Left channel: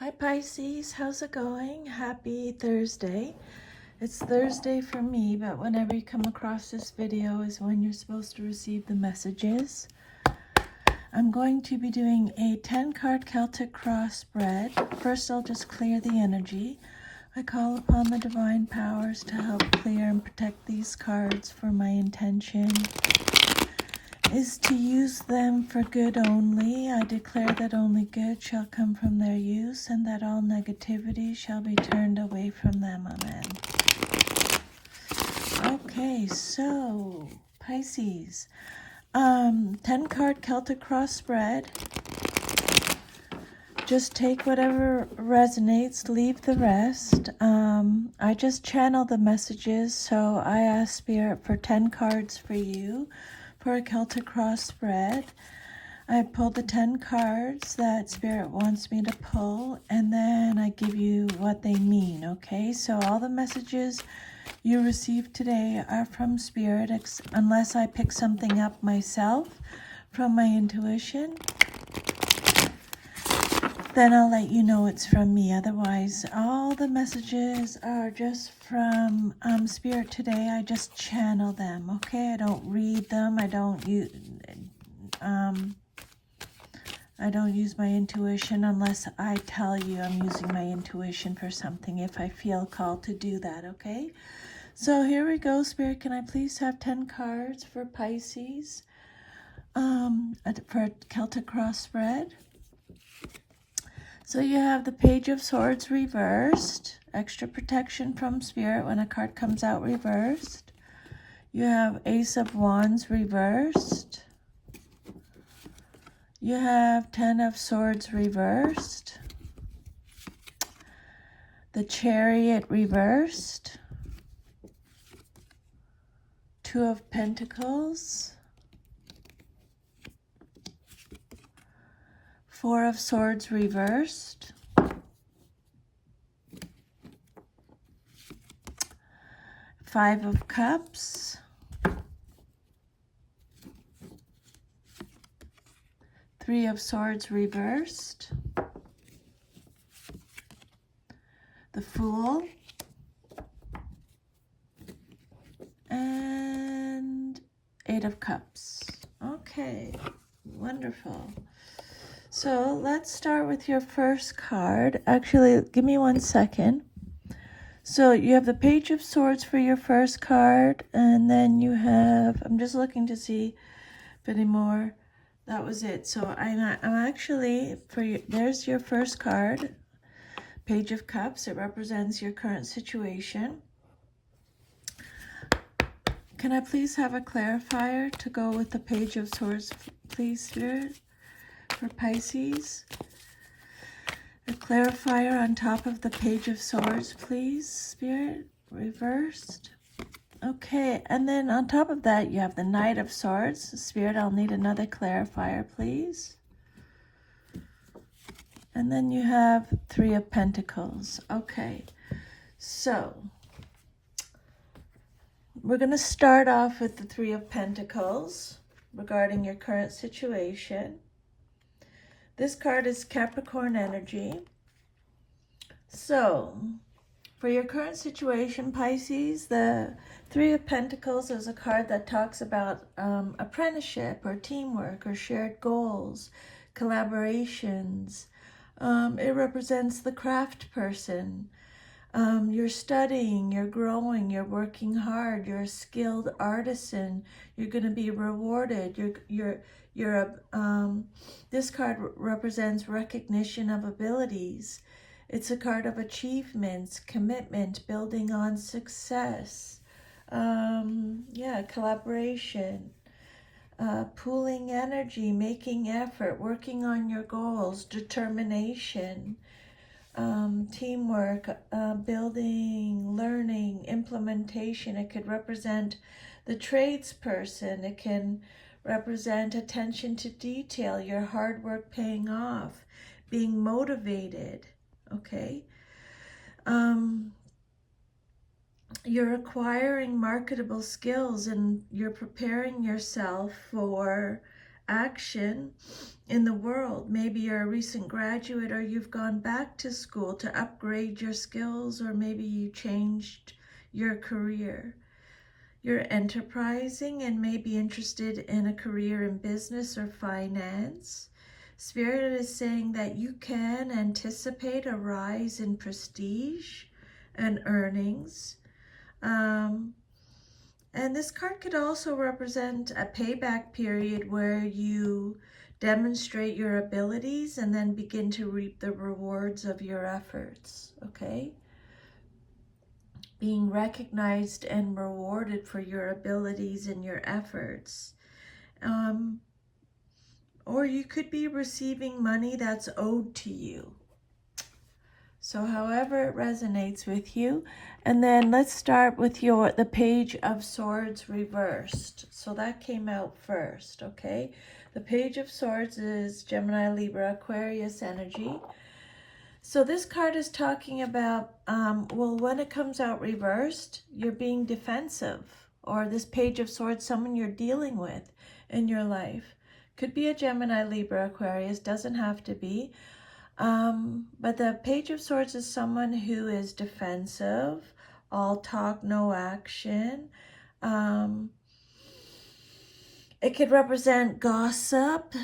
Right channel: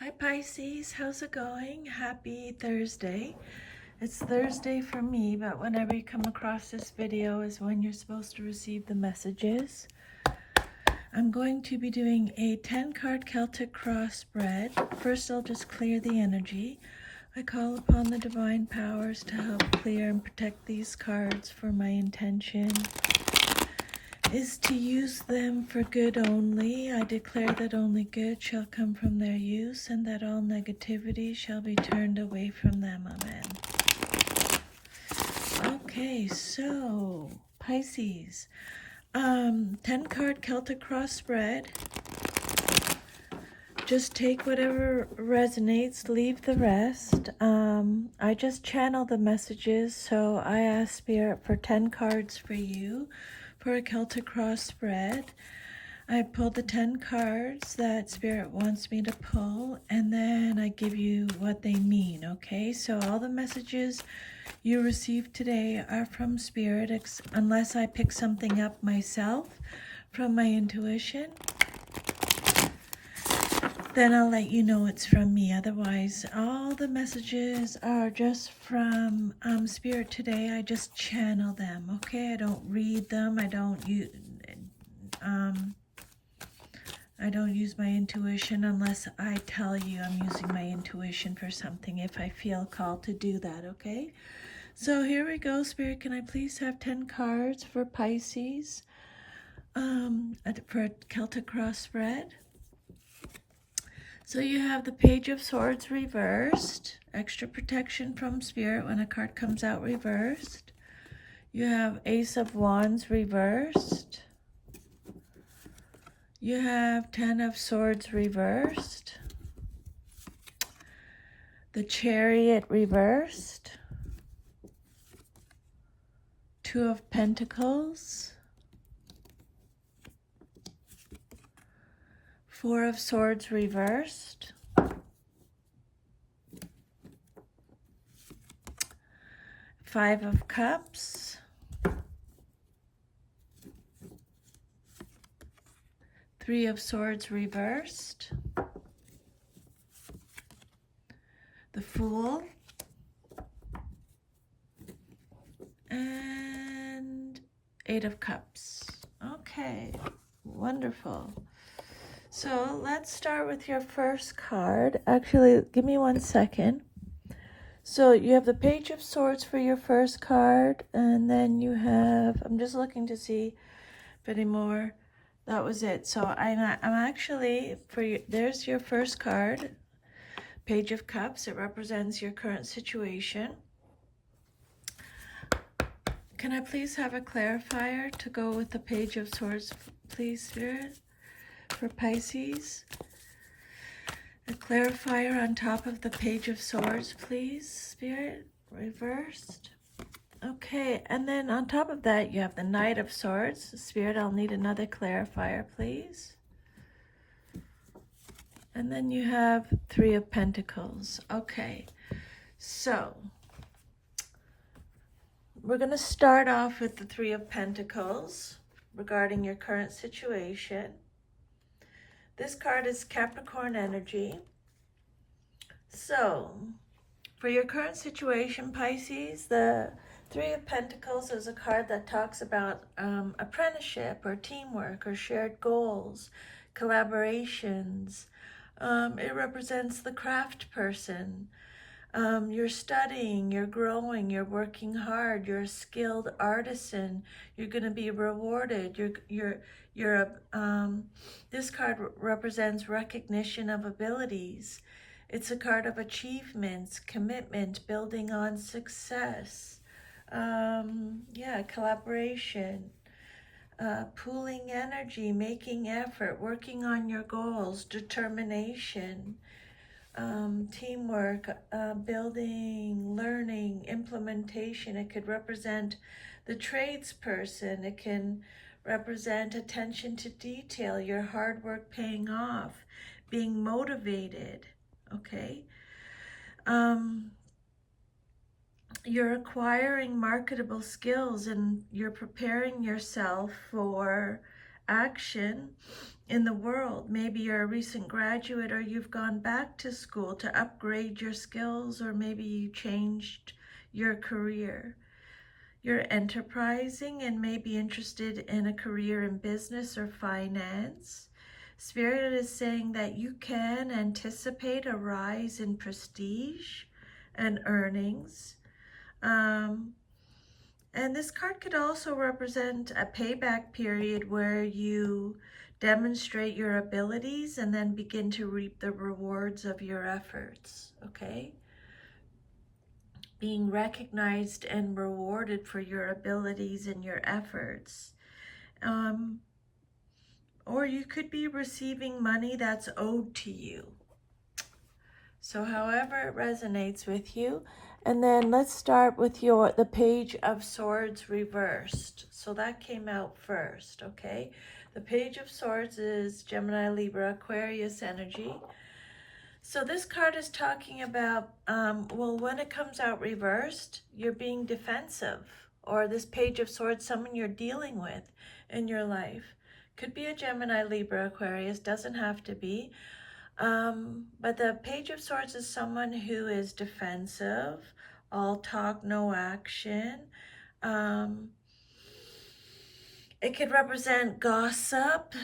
Hi Pisces, how's it going? Happy Thursday. It's Thursday for me, but whenever you come across this video is when you're supposed to receive the messages. I'm going to be doing a 10-card Celtic cross spread. First, I'll just clear the energy. I call upon the divine powers to help clear and protect these cards, for my intention is to use them for good only. I declare that only good shall come from their use, and that all negativity shall be turned away from them. Amen. Okay, so Pisces, 10-card Celtic cross spread. Just take whatever resonates, leave the rest. I just channel the messages, so I ask Spirit for 10 cards for you for a Celtic cross spread. I pull the 10 cards that Spirit wants me to pull, and then I give you what they mean, okay? So all the messages you receive today are from Spirit, unless I pick something up myself from my intuition. Then I'll let you know it's from me. Otherwise, all the messages are just from Spirit today. I just channel them, okay? I don't read them. I don't use my intuition unless I tell you I'm using my intuition for something, if I feel called to do that, okay? So here we go, Spirit. Can I please have 10 cards for Pisces for a Celtic cross spread? So you have the Page of Swords reversed, extra protection from Spirit when a card comes out reversed. You have Ace of Wands reversed. You have 10 of Swords reversed. The Chariot reversed. 2 of Pentacles. 4 of Swords reversed. 5 of Cups. 3 of Swords reversed. The Fool. And 8 of Cups. Okay, wonderful. So let's start with your first card. Actually, give me 1 second. So you have the Page of Swords for your first card, and then you have, I'm just looking to see if any more. That was it. So I'm actually, there's your first card, Page of Cups. It represents your current situation. Can I please have a clarifier to go with the Page of Swords, please, Spirit? For Pisces, a clarifier on top of the Page of Swords, please, Spirit, reversed. Okay, and then on top of that, you have the Knight of Swords. Spirit, I'll need another clarifier, please. And then you have 3 of Pentacles. Okay, so we're going to start off with the 3 of Pentacles regarding your current situation. This card is Capricorn energy. So, for your current situation, Pisces, the 3 of Pentacles is a card that talks about apprenticeship or teamwork or shared goals, collaborations. It represents the craft person. You're studying, you're growing, you're working hard, you're a skilled artisan, you're going to be rewarded, this card represents recognition of abilities. It's a card of achievements, commitment, building on success, collaboration, pooling energy, making effort, working on your goals, determination, teamwork, building, learning, implementation. It could represent the tradesperson. It can represent attention to detail, your hard work paying off, being motivated, okay? You're acquiring marketable skills, and you're preparing yourself for action in the world. Maybe you're a recent graduate, or you've gone back to school to upgrade your skills, or maybe you changed your career. You're enterprising and may be interested in a career in business or finance. Spirit is saying that you can anticipate a rise in prestige and earnings. And this card could also represent a payback period where you demonstrate your abilities and then begin to reap the rewards of your efforts, okay? Being recognized and rewarded for your abilities and your efforts. Or you could be receiving money that's owed to you. So however it resonates with you. And then let's start with the Page of Swords reversed. So that came out first, okay? The Page of Swords is Gemini, Libra, Aquarius energy. So this card is talking about, well, when it comes out reversed, you're being defensive. Or this Page of Swords, someone you're dealing with in your life. Could be a Gemini, Libra, Aquarius, doesn't have to be. But the Page of Swords is someone who is defensive, all talk, no action. It could represent gossip,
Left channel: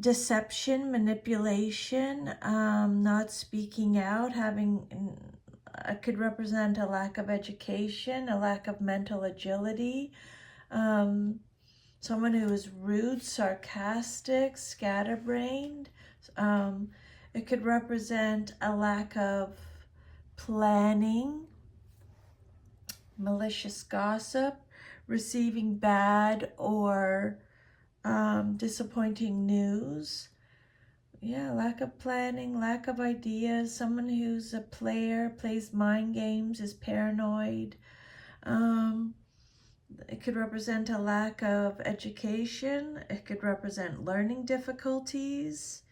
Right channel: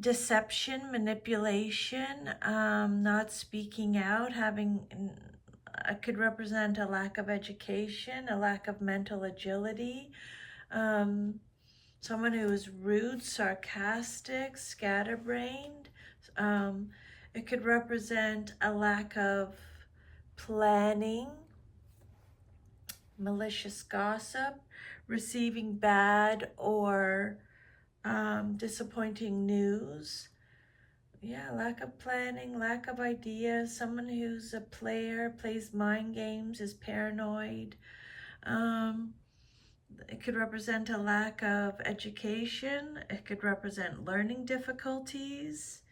deception, manipulation, not speaking out, it could represent a lack of education, a lack of mental agility, someone who is rude, sarcastic, scatterbrained. It could represent a lack of planning, malicious gossip, receiving bad or disappointing news. Yeah, lack of planning, lack of ideas, someone who's a player, plays mind games, is paranoid. It could represent a lack of education. It could represent learning difficulties.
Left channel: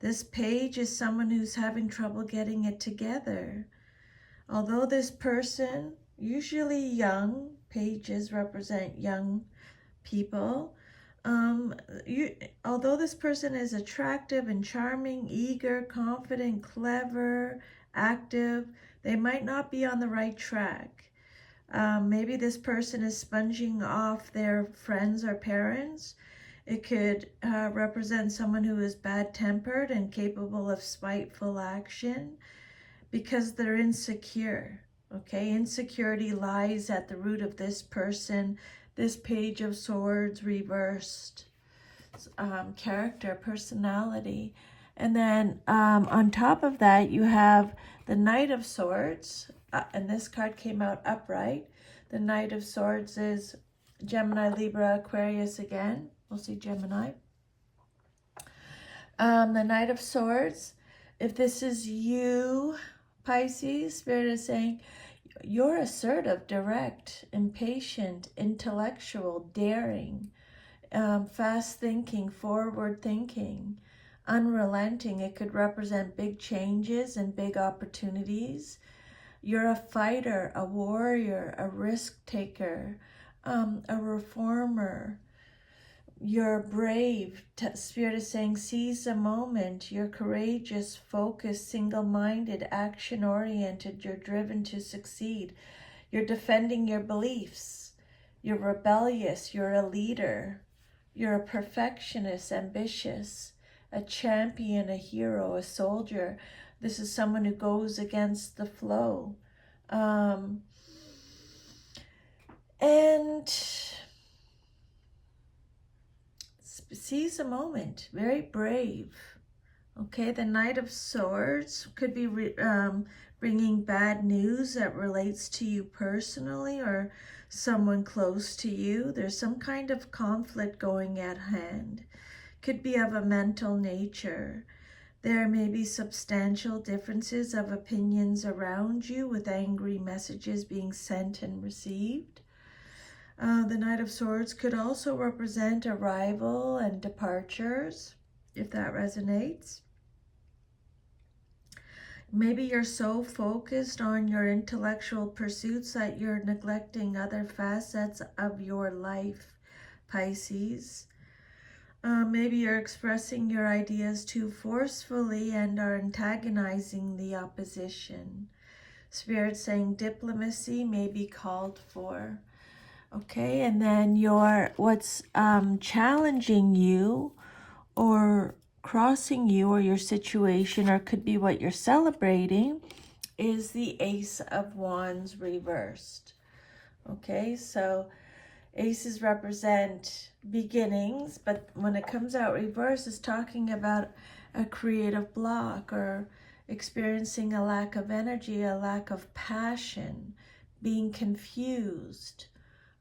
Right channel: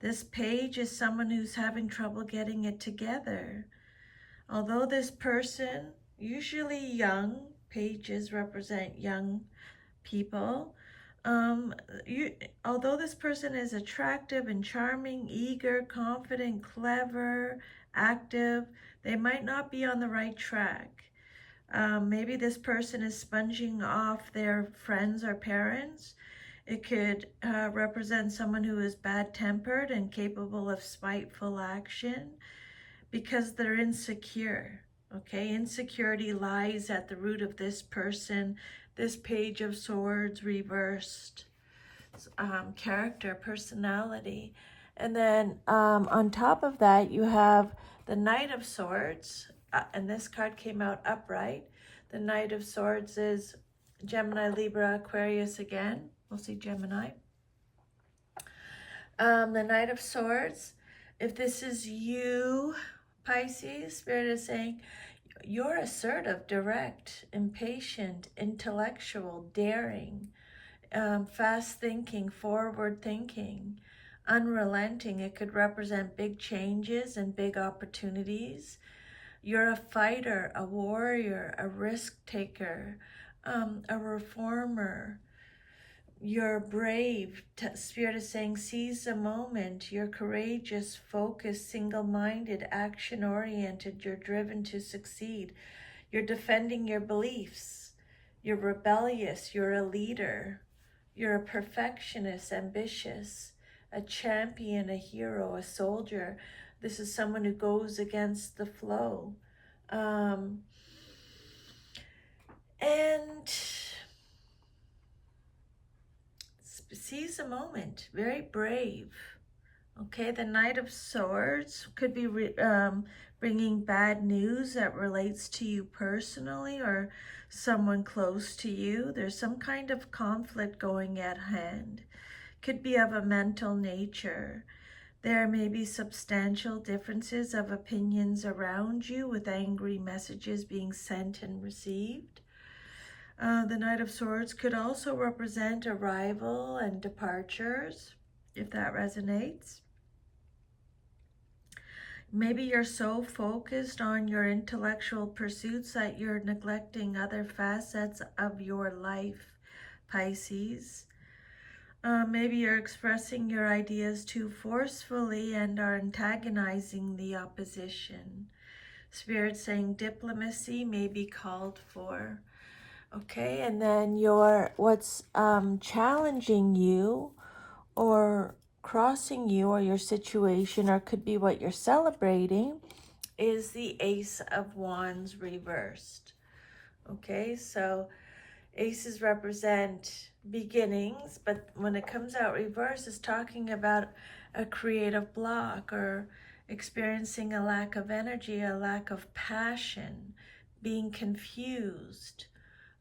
This page is someone who's having trouble getting it together. Although this person, usually young, pages represent young people. Although this person is attractive and charming, eager, confident, clever, active, they might not be on the right track. Maybe this person is sponging off their friends or parents. It could represent someone who is bad-tempered and capable of spiteful action because they're insecure, okay? Insecurity lies at the root of this person. This Page of Swords reversed, character, personality. And then on top of that, you have the Knight of Swords, and this card came out upright. The Knight of Swords is Gemini, Libra, Aquarius again. We'll see Gemini. The Knight of Swords, if this is you, Pisces, Spirit is saying you're assertive, direct, impatient, intellectual, daring, fast thinking, forward thinking, unrelenting. It could represent big changes and big opportunities. You're a fighter, a warrior, a risk taker, a reformer. You're brave. Spirit is saying seize the moment. You're courageous, focused, single-minded, action-oriented. You're driven to succeed. You're defending your beliefs. You're rebellious. You're a leader. You're a perfectionist, ambitious, a champion, a hero, a soldier. This is someone who goes against the flow. And seize the moment, very brave. Okay, the Knight of Swords could be bringing bad news that relates to you personally or someone close to you. There's some kind of conflict going at hand. Could be of a mental nature. There may be substantial differences of opinions around you, with angry messages being sent and received. The Knight of Swords could also represent arrival and departures, if that resonates. Maybe you're so focused on your intellectual pursuits that you're neglecting other facets of your life, Pisces. Maybe you're expressing your ideas too forcefully and are antagonizing the opposition. Spirit saying diplomacy may be called for. Okay, and then what's challenging you or crossing you or your situation, or could be what you're celebrating, is the Ace of Wands reversed. Okay, so aces represent beginnings, but when it comes out reverse, it's talking about a creative block or experiencing a lack of energy, a lack of passion, being confused,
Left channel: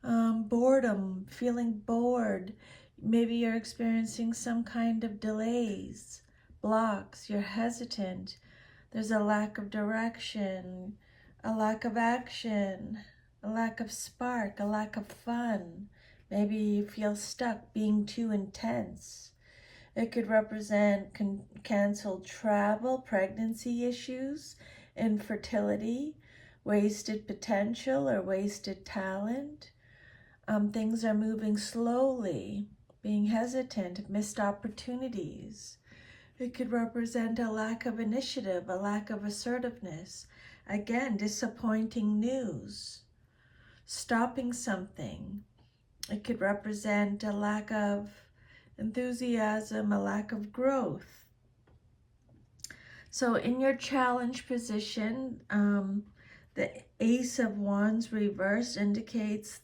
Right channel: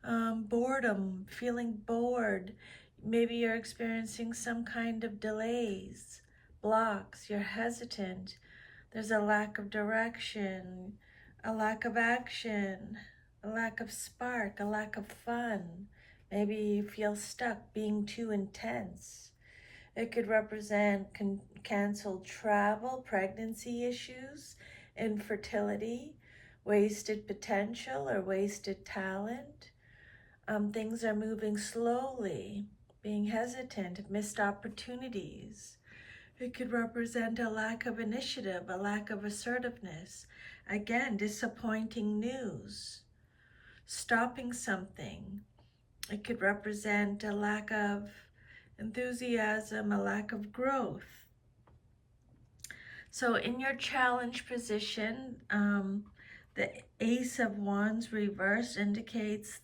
boredom, feeling bored. Maybe you're experiencing some kind of delays, blocks, you're hesitant. There's a lack of direction, a lack of action, a lack of spark, a lack of fun. Maybe you feel stuck, being too intense. It could represent canceled travel, pregnancy issues, infertility, wasted potential or wasted talent. Things are moving slowly, being hesitant, missed opportunities. It could represent a lack of initiative, a lack of assertiveness. Again, disappointing news, stopping something. It could represent a lack of enthusiasm, a lack of growth. So in your challenge position, the Ace of Wands reversed indicates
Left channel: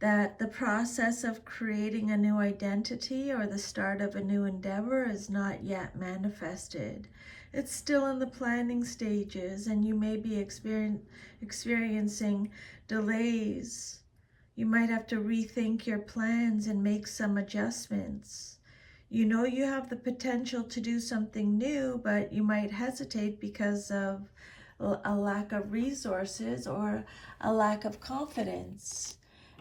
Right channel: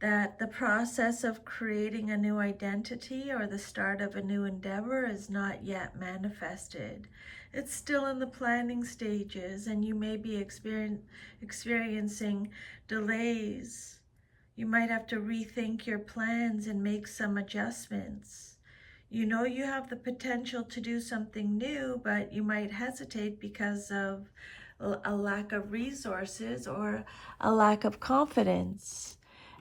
that the process of creating a new identity or the start of a new endeavor is not yet manifested. It's still in the planning stages, and you may be experiencing delays. You might have to rethink your plans and make some adjustments. You know you have the potential to do something new, but you might hesitate because of a lack of resources or a lack of confidence.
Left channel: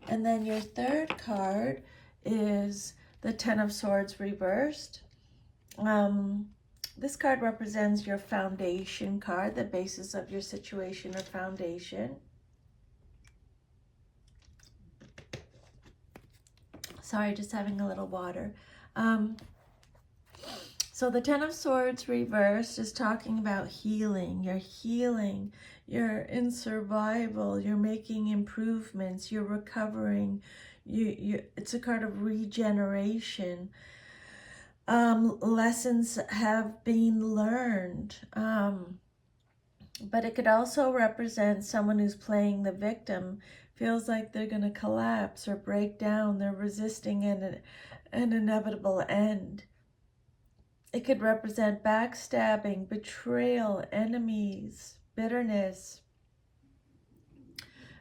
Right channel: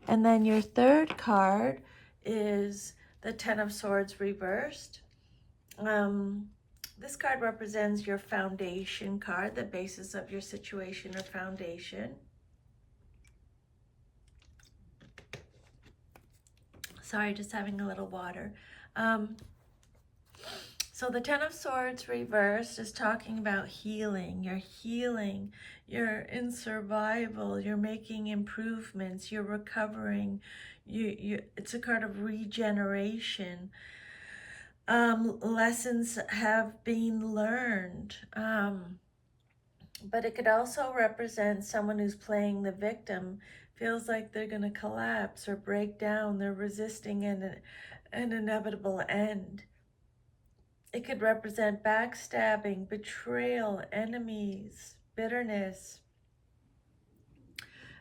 And then your third card is the Ten of Swords reversed. This card represents your foundation card, the basis of your situation or foundation. Sorry, just having a little water. So the Ten of Swords reversed is talking about healing. You're healing. You're in survival. You're making improvements. You're recovering. It's a card of regeneration. Lessons have been learned. But it could also represent someone who's playing the victim, feels like they're going to collapse or break down. They're resisting an inevitable end. It could represent backstabbing, betrayal, enemies, bitterness.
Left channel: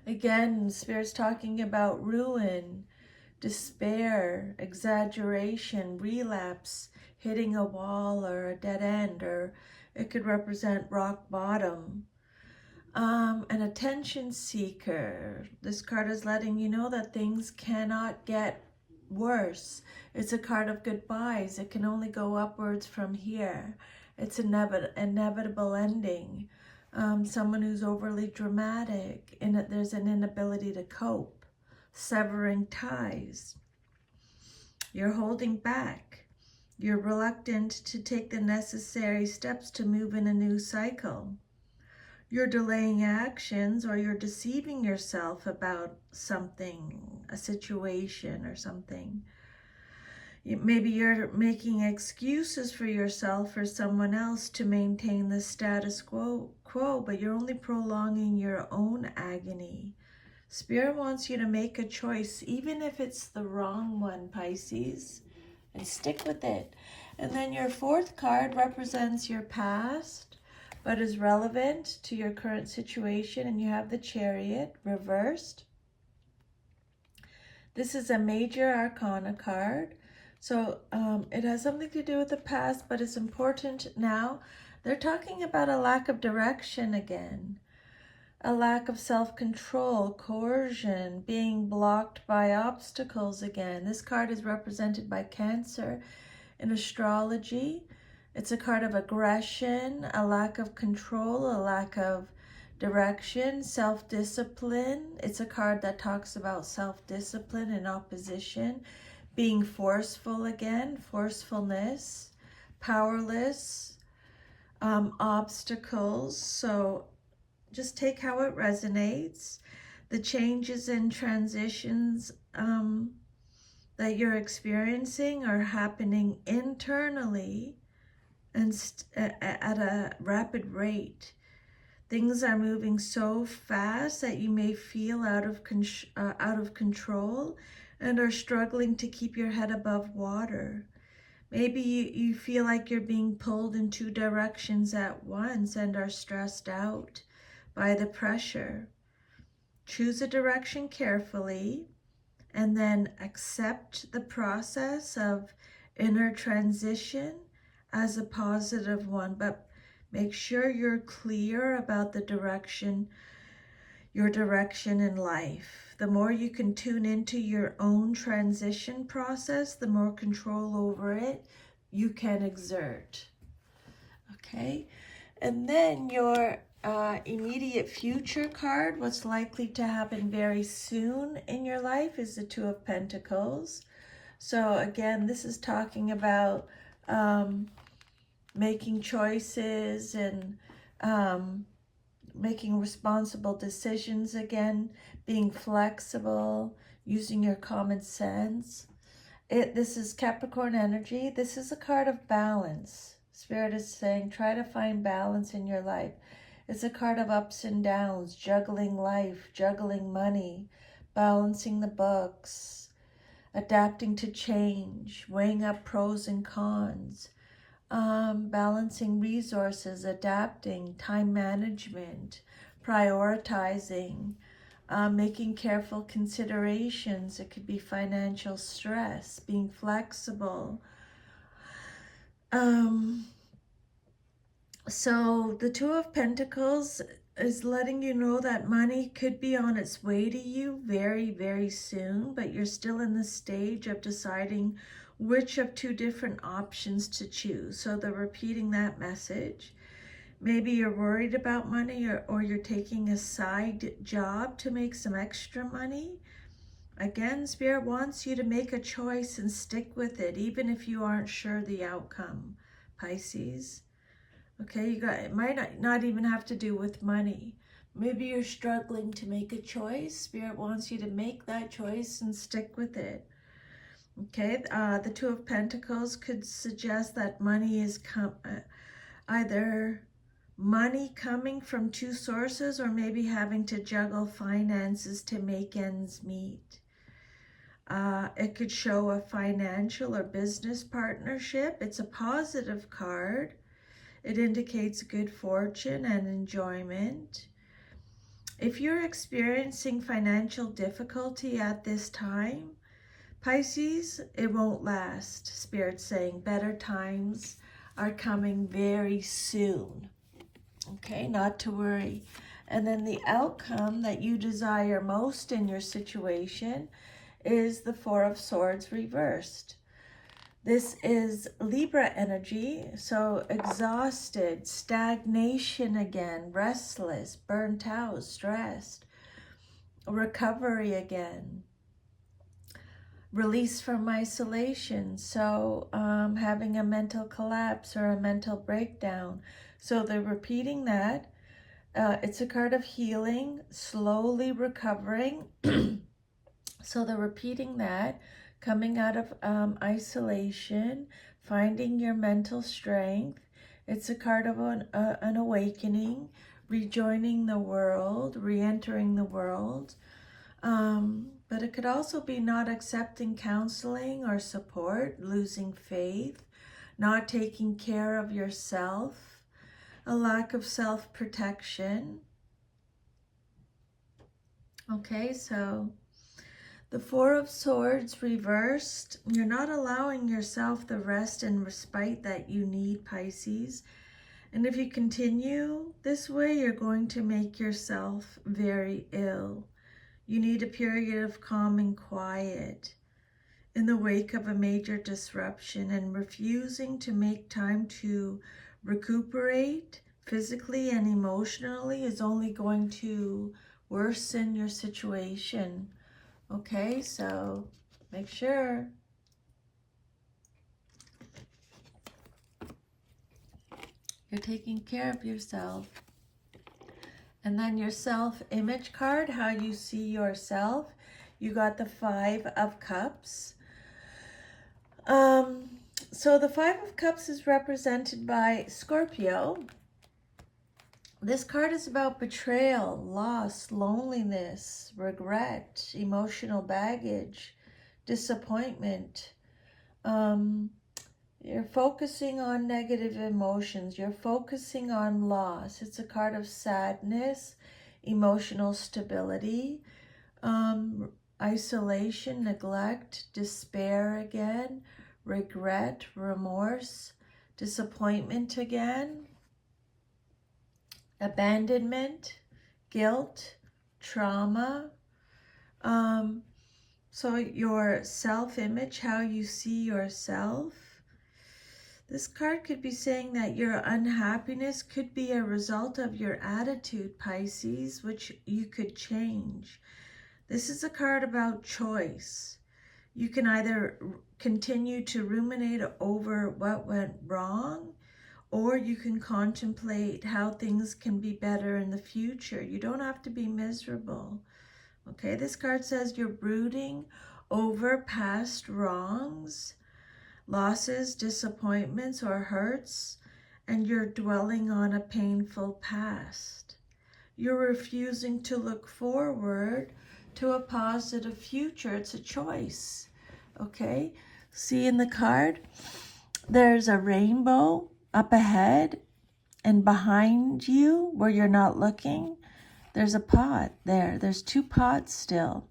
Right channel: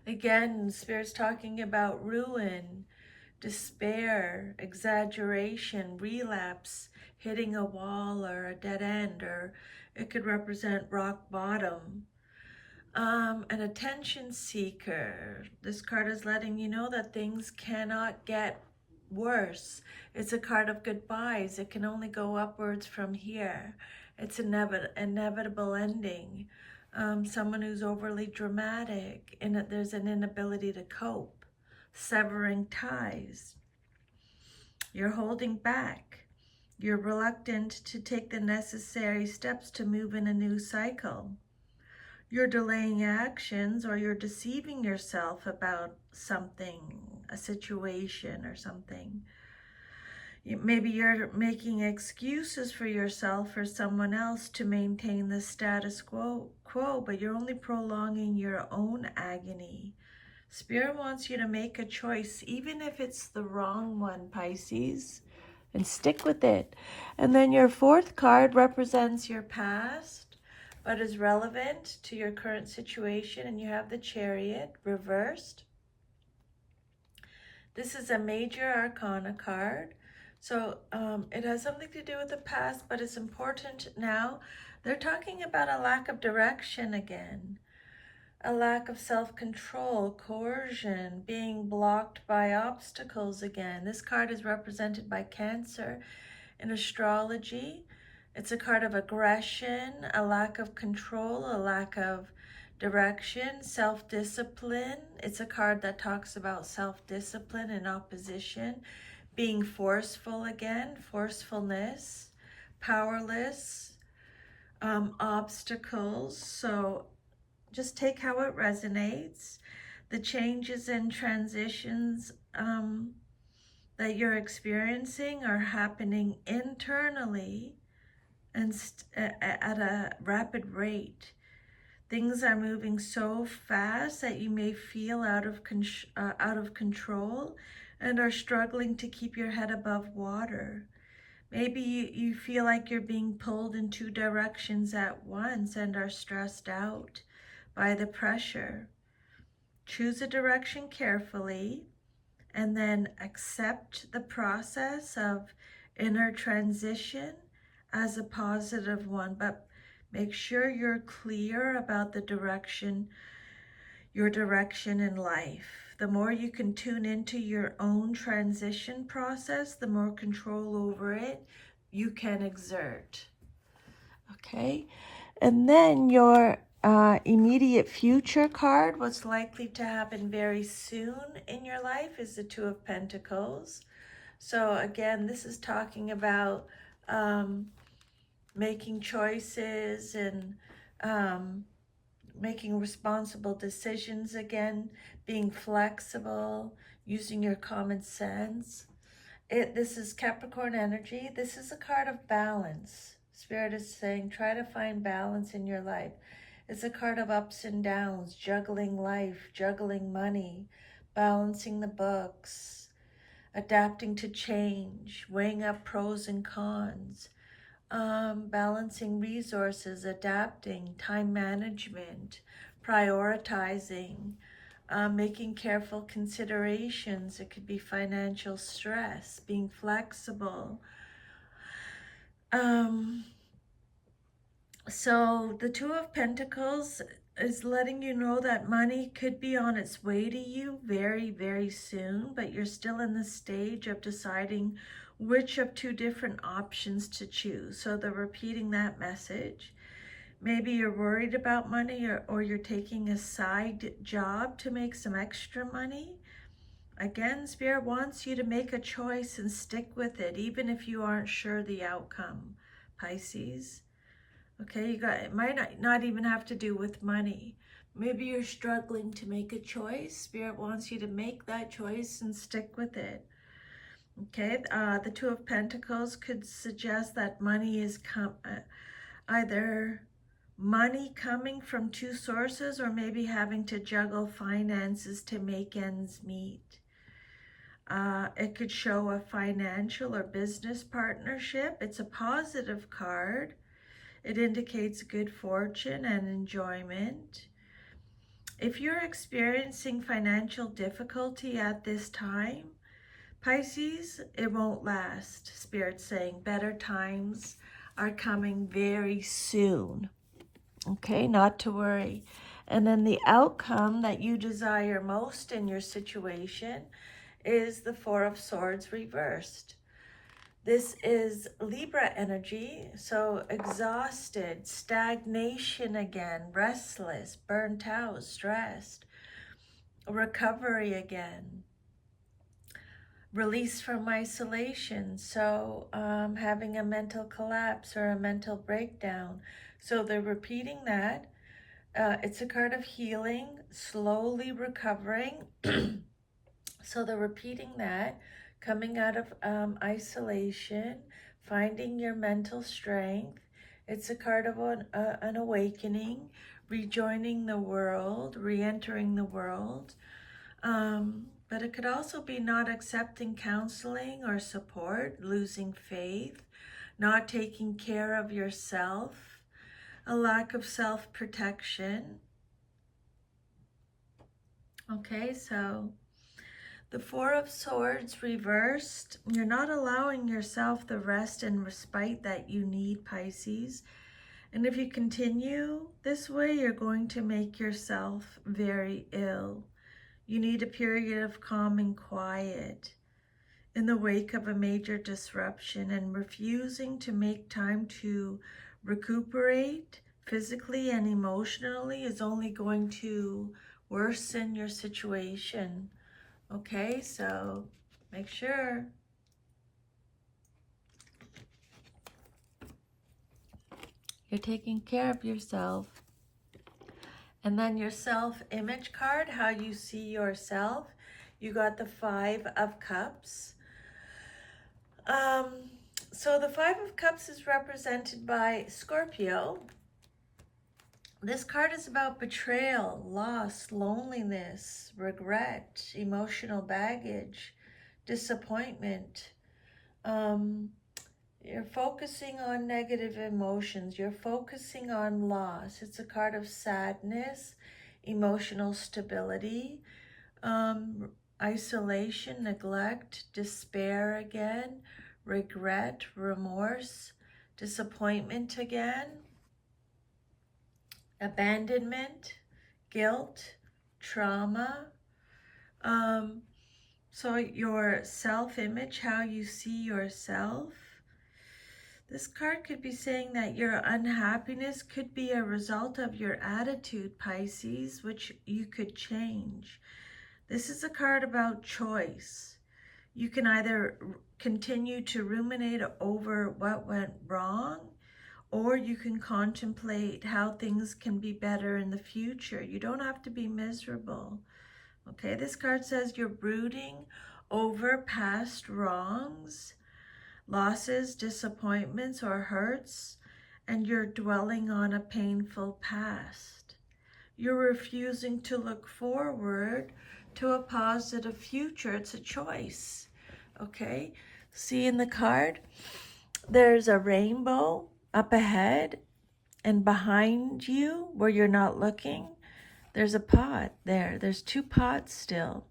Again, Spirit's talking about ruin, despair, exaggeration, relapse, hitting a wall or a dead end, or it could represent rock bottom. An attention seeker. This card is letting you know that things cannot get worse. It's a card of goodbyes. It can only go upwards from here. It's inevitable ending. Someone who's overly dramatic, and there's an inability to cope. Severing ties. You're holding back. You're reluctant to take the necessary steps to move in a new cycle. You're delaying actions, or you're deceiving yourself about something, a situation or something. Maybe you're making excuses for yourself or someone else to maintain the status quo, but you're only prolonging your own agony. Spirit wants you to make a choice, even if it's the wrong one, Pisces, and stick with it. And then your fourth card represents your past, but is relevant to your current situation, and you have the Chariot reversed. This is a major arcana card, so it has something to do with the past, but it's important now. They're talking about a lack of direction again, a lack of self-control, coercion, being blocked by obstacles again. This card is represented by Cancer in astrology. It's a card of aggression, a lack of control, a lack of direction, self-discipline. It's a card that talks about self-discipline and opposition. being forceful again, forcefulness, powerless, obstacles. So just take how it resonates. The changes and transitions that you're experiencing are happening internally and at a rapid rate. Things are moving so fast that you may feel out of control and are struggling to keep your head above water. Maybe you feel like you're being pulled in two directions at once and are stressed out by the pressure. Choose a direction carefully and then accept the process of inner transition as a positive one, but make sure you're clear about the direction, your direction in life. The more you can tune into your own transition process, the more control over it you can exert. Okay, and then your immediate future card, what's likely to happen very soon in your life, is the Two of Pentacles. So again, this is talking about making choices and making responsible decisions again, being flexible, using your common sense. This is Capricorn energy. This is a card of balance. Spirit is saying, try to find balance in your life. It's a card of ups and downs, juggling life, juggling money, balancing the books, adapting to change, weighing up pros and cons, balancing resources, adapting, time management, prioritizing, making careful considerations. It could be financial stress, being flexible. So the Two of Pentacles is letting you know that money could be on its way to you very, very soon, but you're still in the stage of deciding which of two different options to choose. So they're repeating that message. Maybe you're worried about money, or you're taking a side job to make some extra money. Again, Spirit wants you to make a choice and stick with it, even if you aren't sure the outcome, Pisces. Okay, it might not even have to do with money. Maybe you're struggling to make a choice. Spirit wants you to make that choice and stick with it. Okay, the Two of Pentacles could suggest that money is either money coming from two sources, or maybe having to juggle finances to make ends meet. It could show a financial or business partnership. It's a positive card. It indicates good fortune and enjoyment. If you're experiencing financial difficulty at this time, Pisces, it won't last. Spirit's saying better times are coming very soon. Okay, not to worry. And then the outcome that you desire most in your situation is the Four of Swords reversed. This is Libra energy, so exhausted, stagnation again, restless, burnt out, stressed, recovery again, release from isolation, so having a mental collapse or a mental breakdown. So they're repeating that. It's a card of healing, slowly recovering. So they're repeating that. Coming out of isolation, finding your mental strength. It's a card of an awakening, rejoining the world, re-entering the world. But it could also be not accepting counseling or support, losing faith, not taking care of yourself, a lack of self-protection. Okay, so the Four of Swords reversed. You're not allowing yourself the rest and respite that you need, Pisces. And if you continue this way, you're going to make yourself very ill. You need a period of calm and quiet in the wake of a major disruption, and refusing to make time to recuperate physically and emotionally is only going to worsen your situation. Okay, so make sure You're taking care of yourself. And then your self-image card, how you see yourself. You got the 5 of Cups. So the 5 of Cups is represented by Scorpio. This card is about betrayal, loss, loneliness, regret, emotional baggage, disappointment. You're focusing on negative emotions. You're focusing on loss. It's a card of sadness, emotional stability, isolation, neglect, despair again, regret, remorse, disappointment again, abandonment, guilt, trauma. So your self-image, how you see yourself. This card could be saying that your unhappiness could be a result of your attitude, Pisces, which you could change. This is a card about choice. You can either continue to ruminate over what went wrong, or you can contemplate how things can be better in the future. You don't have to be miserable. Okay, this card says you're brooding over past wrongs, losses, disappointments, or hurts, and you're dwelling on a painful past. You're refusing to look forward to a positive future. It's a choice. Okay, see in the card, there's a rainbow up ahead, and behind you, where you're not looking, there's a pot there. There's 2 pots still,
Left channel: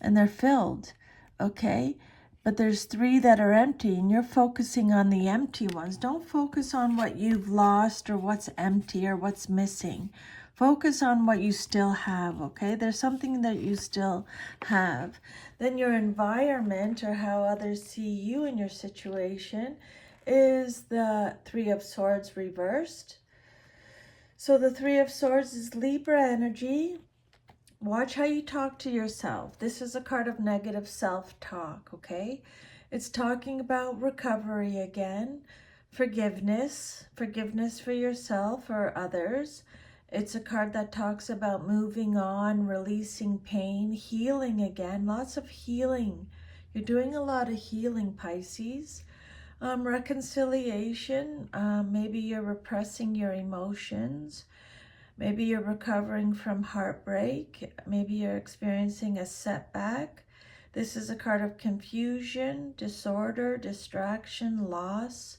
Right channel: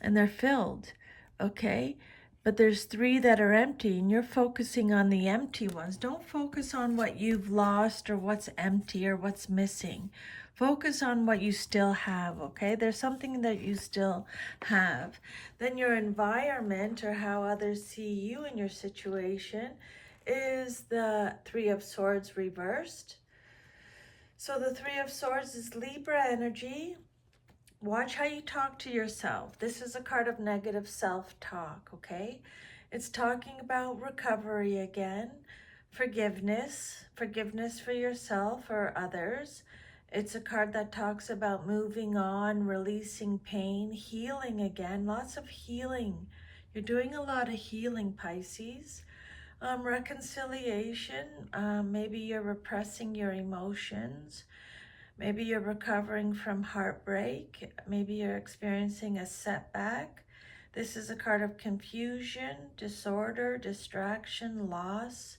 and they're filled, okay? But there's 3 that are empty, and you're focusing on the empty ones. Don't focus on what you've lost or what's empty or what's missing. Focus on what you still have, okay? There's something that you still have. Then your environment, or how others see you in your situation, is the 3 of Swords reversed. So the 3 of Swords is Libra energy. Watch how you talk to yourself. This is a card of negative self-talk, okay? It's talking about recovery again, forgiveness for yourself or others. It's a card that talks about moving on, releasing pain, healing again, lots of healing. You're doing a lot of healing, Pisces. Reconciliation, maybe you're repressing your emotions. Maybe you're recovering from heartbreak. Maybe you're experiencing a setback. This is a card of confusion, disorder, distraction, loss,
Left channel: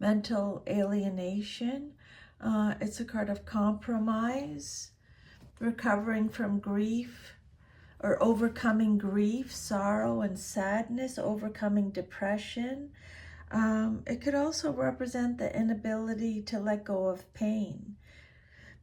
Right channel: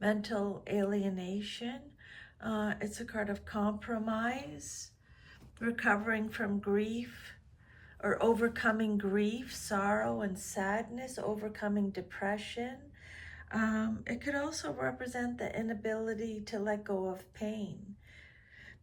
mental alienation. It's a card of compromise, recovering from grief, or overcoming grief, sorrow, and sadness, overcoming depression. It could also represent the inability to let go of pain.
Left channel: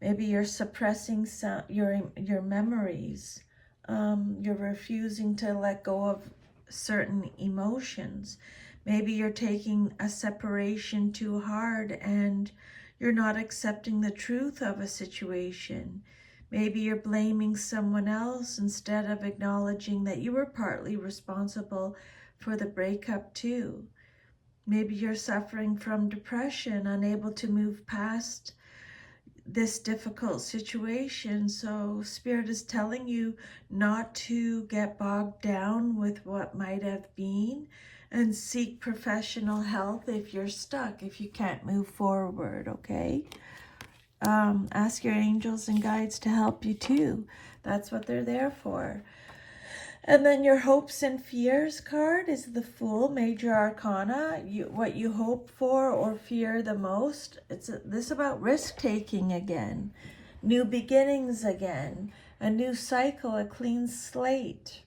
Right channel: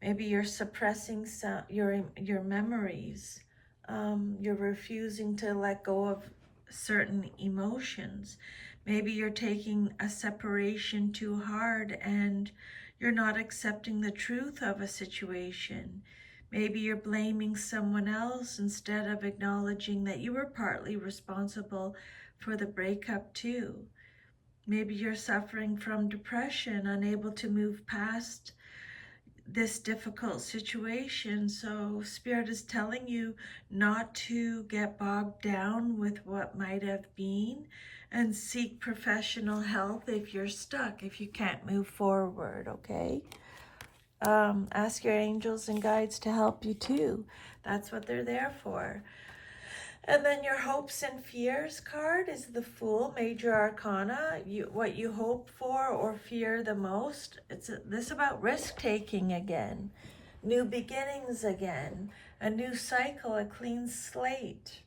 Maybe you're suppressing your memories. You're refusing to let go of certain emotions. Maybe you're taking a separation too hard and you're not accepting the truth of a situation. Maybe you're blaming someone else instead of acknowledging that you were partly responsible for the breakup too. Maybe you're suffering from depression, unable to move past this difficult situation. So Spirit is telling you not to get bogged down with what might have been, and seek professional help if you're stuck, if you can't move forward, okay? Ask your angels and guides to help you too. That's what they're there for. And then your hopes and fears card is the Fool, Major Arcana. What you hope for or fear the most. It's this about risk-taking again, new beginnings again, a new cycle, a clean slate.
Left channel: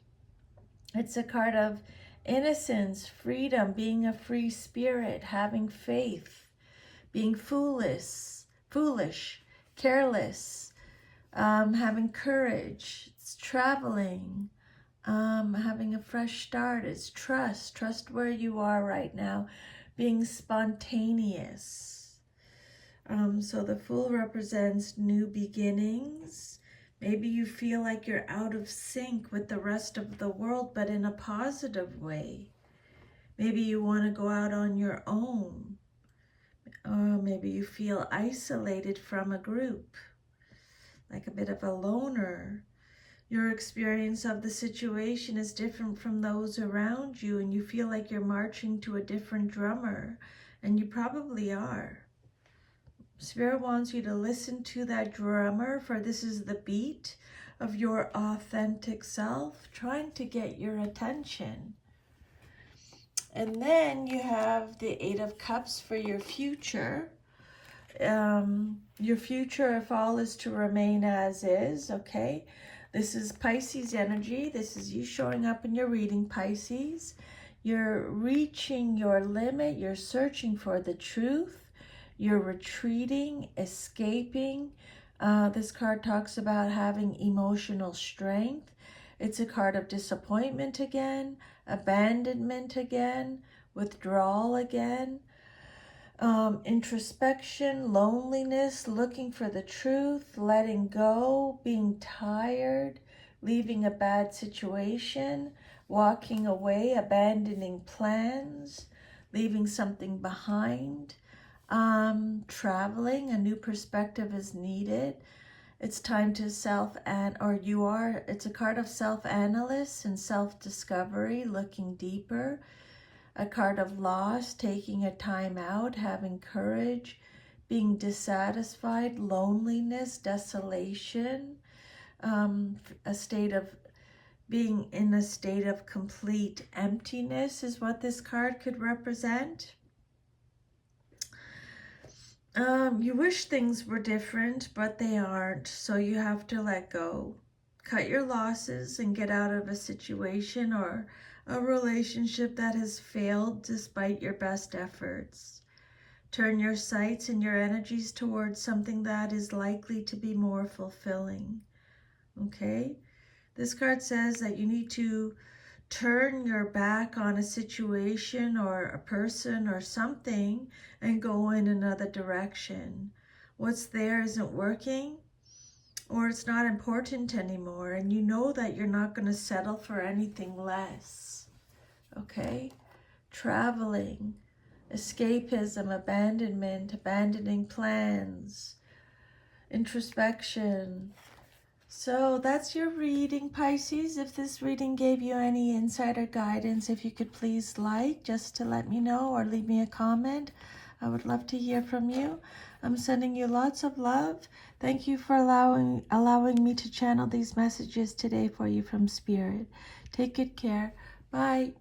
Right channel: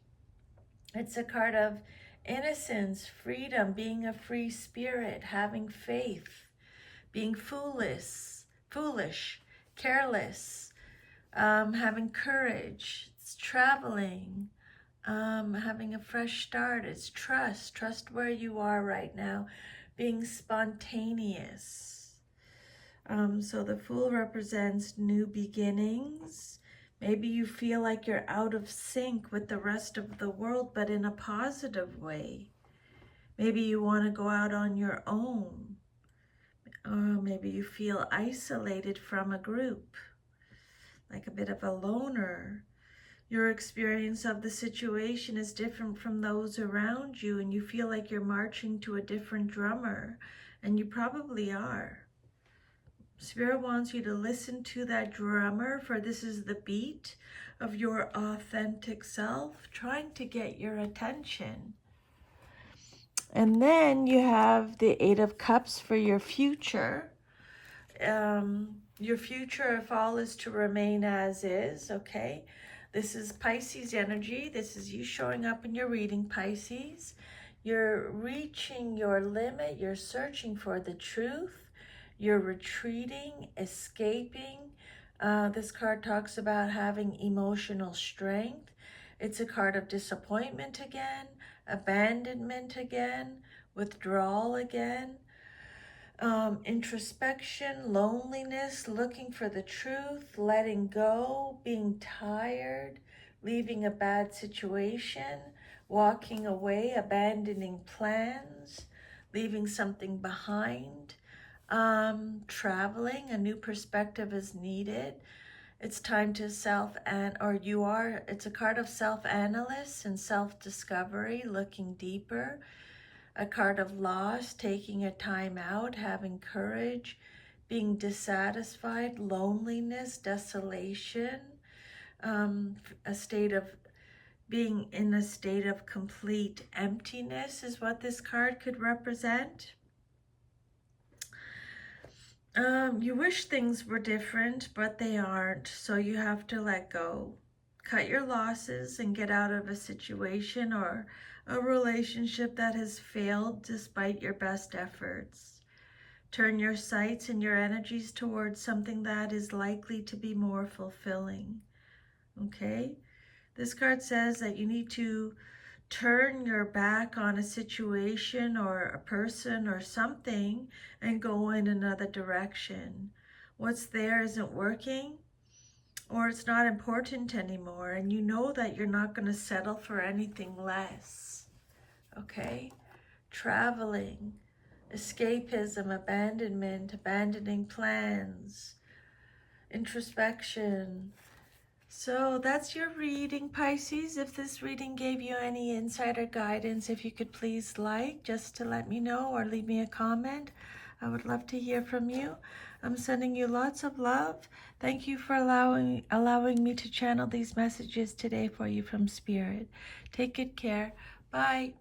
It's a card of innocence, freedom, being a free spirit, having faith, being foolish, careless, having courage. It's traveling. Having a fresh start. It's trust where you are right now, being spontaneous. So the Fool represents new beginnings. Maybe you feel like you're out of sync with the rest of the world, but in a positive way. Maybe you want to go out on your own. Or maybe you feel isolated from a group, like a bit of a loner. Your experience of the situation is different from those around you, and you feel like you're marching to a different drummer, and you probably are. Spirit wants you to listen to that drummer, for this is the beat of your authentic self trying to get your attention. And then you have the Eight of Cups for your future. Your future, if all is to remain as is, okay? This is Pisces energy. This is you showing up in your reading, Pisces. You're reaching your limit. You're searching for the truth. You're retreating, escaping. This card talks about having emotional strength. It's a card of disappointment again, abandonment again, withdrawal again, introspection, loneliness, looking for the truth, letting go, being tired, leaving a bad situation, walking away, abandoning plans, leaving something behind, traveling. A new perspective is needed. It's time to it's a card of self-analysis and self-discovery, looking deeper. A card of loss, taking a time out, having courage, being dissatisfied, loneliness, desolation, a state of being in a state of complete emptiness is what this card could represent. You wish things were different, but they aren't, so you have to let go. Cut your losses and get out of a situation or a relationship that has failed despite your best efforts. Turn your sights and your energies towards something that is likely to be more fulfilling. Okay? This card says that you need to turn your back on a situation or a person or something and go in another direction. What's there isn't working, or it's not important anymore, and you know that you're not going to settle for anything less. Okay? Traveling, escapism, abandonment, abandoning plans, introspection. So that's your reading, Pisces. If this reading gave you any insight or guidance, if you could please just to let me know, or leave me a comment. I would love to hear from you. I'm sending you lots of love. Thank you for allowing me to channel these messages today for you from Spirit. Take good care. Bye.